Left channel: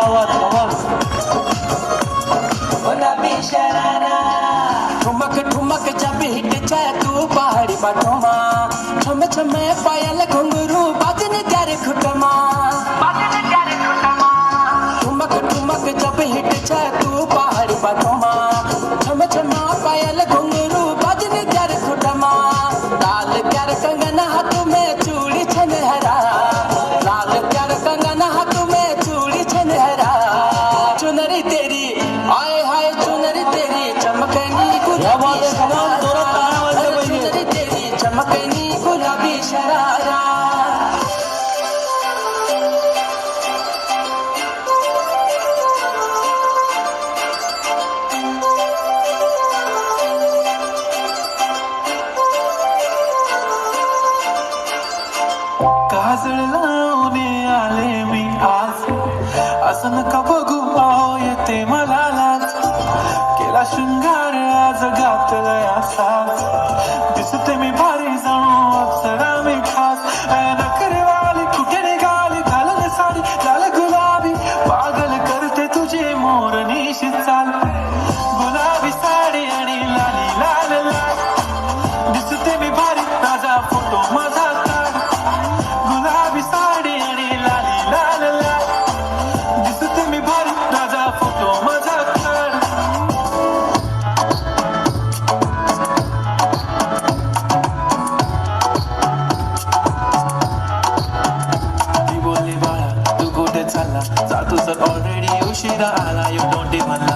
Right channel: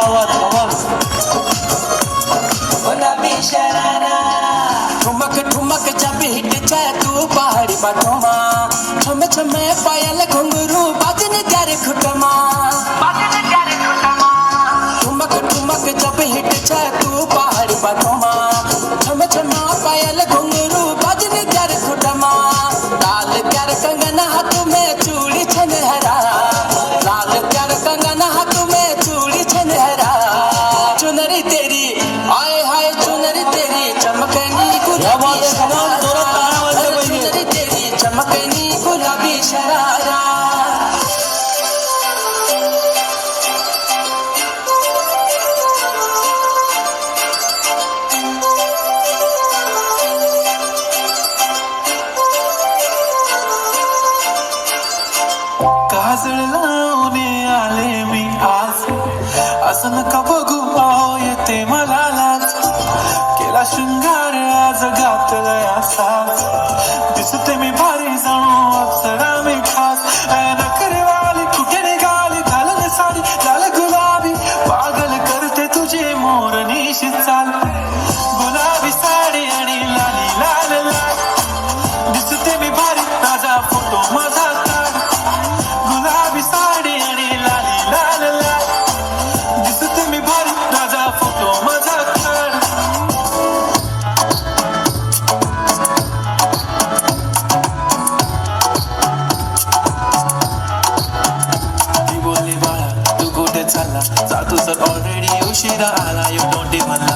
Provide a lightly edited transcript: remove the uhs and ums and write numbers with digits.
आवाज गुलाबी शरारा ठुमक ठुमक जब हिट जाए तू पहाड़ी बाटोमा छम छमे पायल घुंघरू बाजन त्यारे खुटमा ठुमक ठुमक जब हिट जाए तू पहाड़ी बाटोमा छम छमा पायल घुंघरू बाजन त्यारे खुटमा लाल प्यार कंगना हाथ में चूड़ी छनहरा लाल प्यार कंगना हाथ में चूड़ी छनहरा चुनरी तेरी आए हाय चुनरी तेरी चमकनी गुलाबी शरारा चुनरी तेरी चमकनी गुलाबी शरारा काजळ लावणे आले मी आज असं नका बघू अहो येते मला लाज केला शृंगार आज घातलाय असाच दिसते मी भारी जाणू अप्सरा मी खास नखरे वाली कुठे निघाली घालून साडी लाल गुलाबी पागल करते तुझे मोरनीशी चाल गुलाबी साडी आणि लाली लाल लाल दिसते मी भारी माझा फोटो माझा काढ गुलाबी साडी आणि लाली लाल लाल दिसते मी भारी माझा फोटो माझा काढ ती बोलली बाळा तू कुठे चालला जा तू जर ऑलरेडी उशिरा आला यू डोंट इव्हन